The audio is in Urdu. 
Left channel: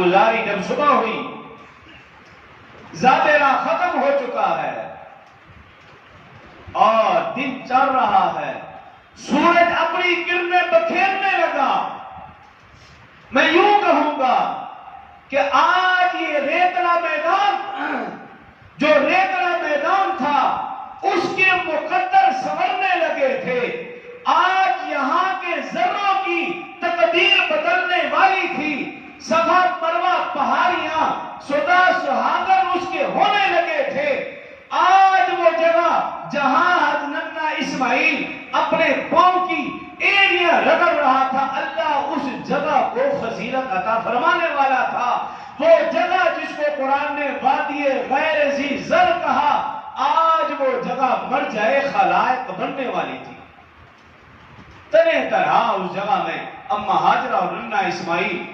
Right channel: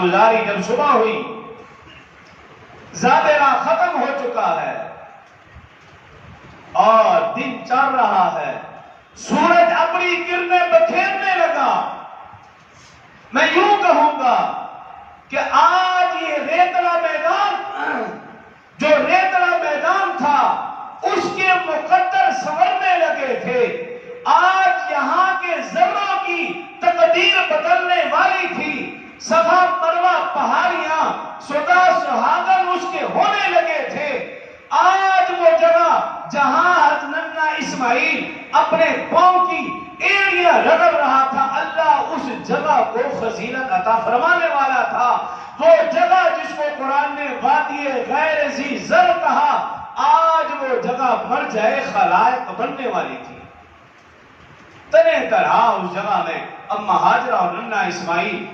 گزاری جب صبح ہوئی، زادرہ ختم ہو چکا ہے اور دن چل رہا ہے، سورج اپنی کرنیں بکھیرنے لگا۔ میں یوں کہوں گا کہ آج یہ ریتلا میدان، جو ریتلا میدان تھا، اس کے مقدر سنورنے لگے تھے۔ آج یہاں کے ذروں کی تقدیر بدلنے والی تھی۔ صفا مروہ پہاڑیاں سدا سہاگن اس کے ہونے لگے تھے۔ آج وہ جگہ جہاں حضرت اسماعیل اپنے پاؤں کی ایڑیاں رگڑ رہا تھا، اللہ اس جگہ کو فضیلت عطا فرمانے والا تھا۔ وہ جگہ جس کو قرآن نے وادی غیر ذی زر کہا، آج وہ جگہ مر جائے خلائق بننے والی تھی۔ تنہ تنہا اس جگہ میں اما ہاجرہ اور ننا اسماعیل